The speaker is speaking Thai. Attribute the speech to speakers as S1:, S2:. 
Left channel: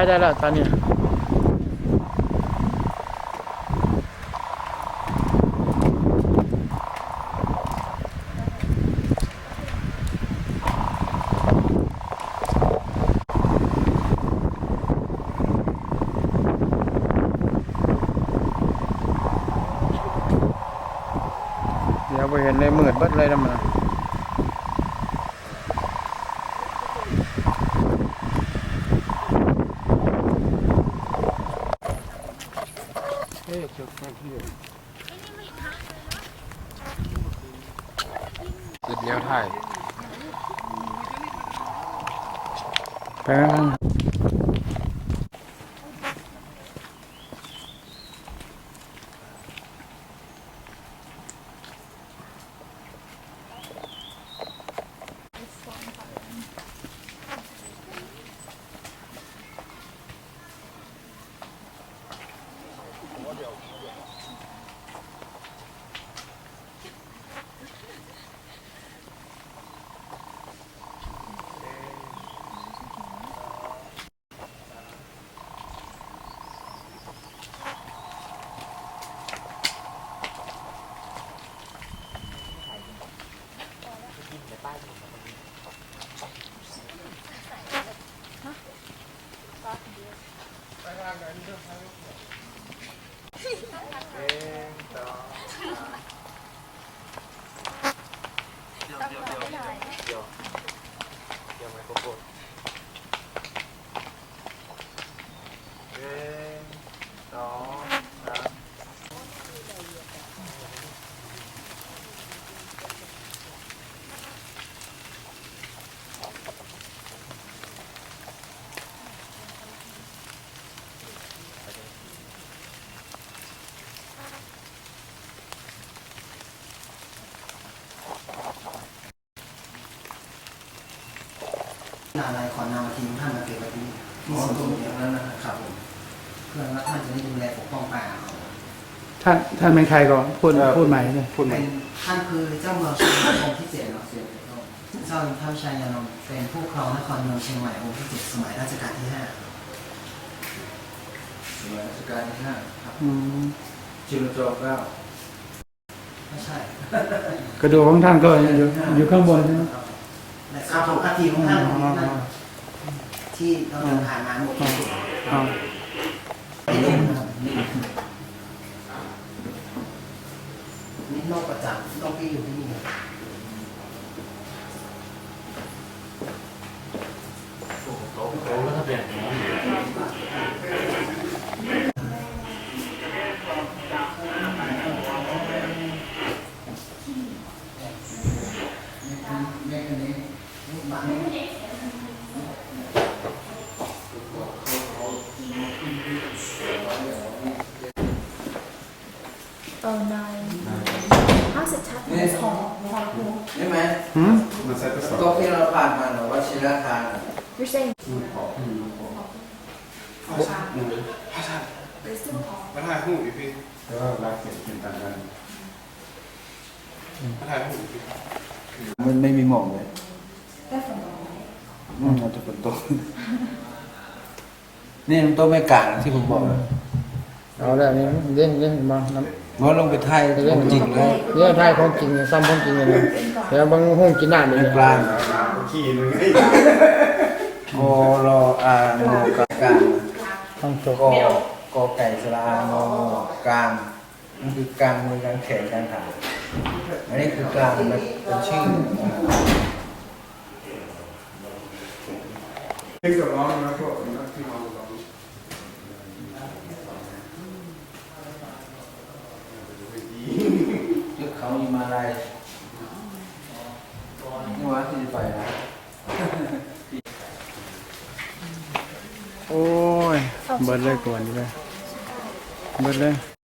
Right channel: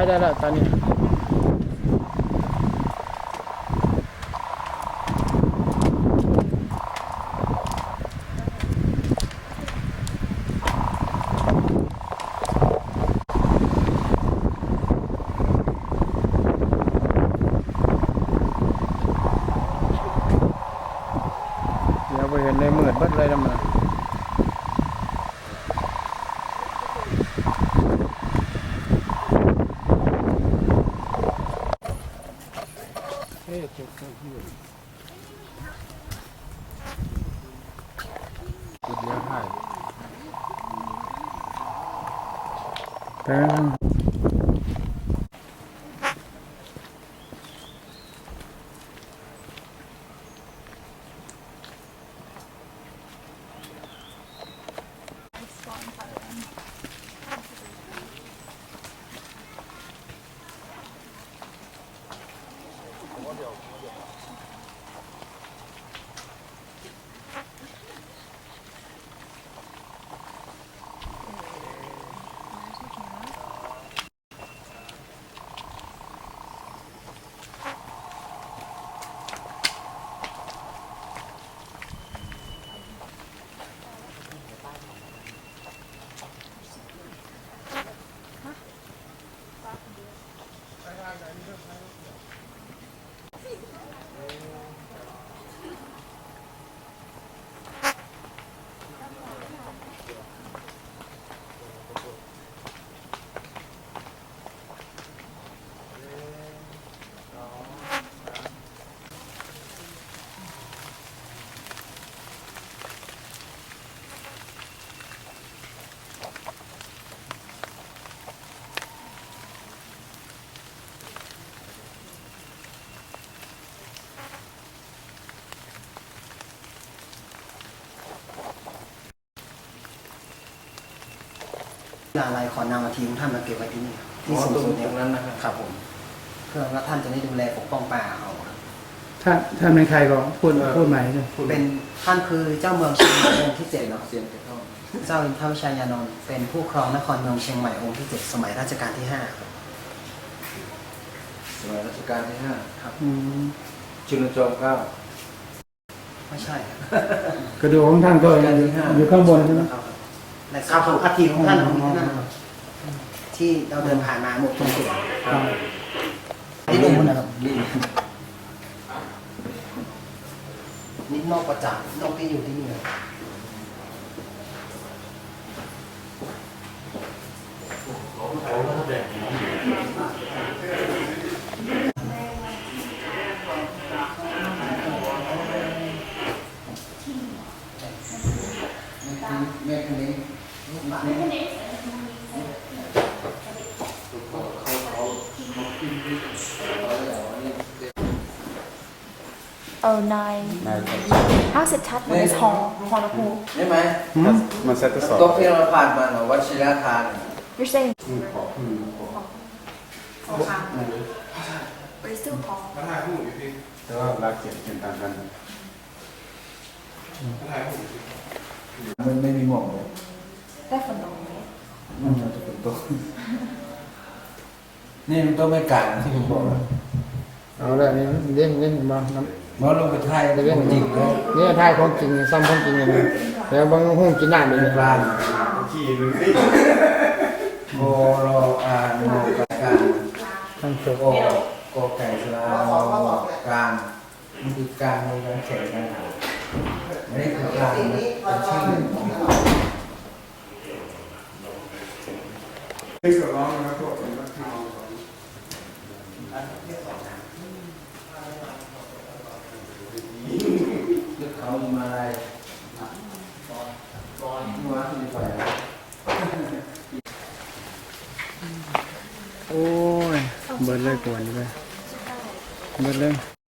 S1: ยได้แล้วตอนนี้เดี๋ยวไปเห็นเลยมืดเบิดเลยนะมัน เอ๊ะ จุดแค่ที่อยู่จุดเดียวถ่ายแปง Yeah.
S2: ลาลายขอนำมาทิ้งท่านมาเก็บไว้ที่นี่ที่สวนสมเด็จนั้นนะครับผมเพื่อว่าท่านจะได้ดูแลปกป้องป่าเอา
S1: ท่านท่านเป็นใครก่อนพูดพูดใหม่เลย
S2: เป็นท่านคือเจ้าเมืองเชียงใหม่องค์ที่เจ็ดเนาะเจ้าอินทร์ชัยยานนท์เป็นผู้ครองนครเมืองเชียงใหม่องค์ที่เจ็ดสมัยรัชกาลที่ห้าครับ
S3: สมัยรัชกาลที่ห้า
S2: ครับ
S1: อืม
S3: ชินโจเก้า
S2: ไม่ใช่
S1: กระดูกของท่านก็อยู่อยู่ข้างบนใช่ไหม
S2: และสถูปอัฐิของท่านอยู่ที่นั่นที่เราเดินผ่านมาหมดทุกจุด
S1: อ่า
S2: นี่ดูนะครับนี่นี่นอกประจักษ์นอกที่อยู่ที่นี่แเอ
S4: อนายภาคสุดชัดมันหอหอหู
S3: ได้ไหม
S1: หืม
S5: มันเซตสอง
S3: โต๊ะที่เราผ่านมาเนอะวัชิรทานอะ
S4: you're saying
S5: พระธาตุ
S4: but it's still หอ
S5: พระธาตุหูอยู่พี่
S6: แต่ว่ารักเขียนเขียนต่างกัน
S5: พระธาตุหูอยู่พี่
S3: มันไม่มีหมอกเลย
S4: ได้ฝนตกไหม
S3: มันจะเป็นโต๊ะนี่มันโต๊ะไม่กลางที่ผมบอกแล้ว
S1: เอาละนี่เล่นเล่นมาน้ำ
S3: เพราะลงไปไทยของจริงเลย
S1: เนี่ยทายของจริงซ้ำของจริงเลยแต่บางห้องกินน้ำเลย
S3: เป็นปลา
S5: ขี่มึงไอ้
S3: โมโรอาโนกากาง
S1: ข้างโช
S3: โกโกไก่สลาโนกลางมันคือกลางในการแข่งกันขาอันนี้คือกลางมันเป็นชื่อ
S6: เอ็กซ์กับร้องนะก็เป็นว่าที่ร้องสอง
S3: ชื่อเขามาอะไรหัวที่ไป
S1: โอ้ยเบิดเลยก่อนเลยเบิดเลย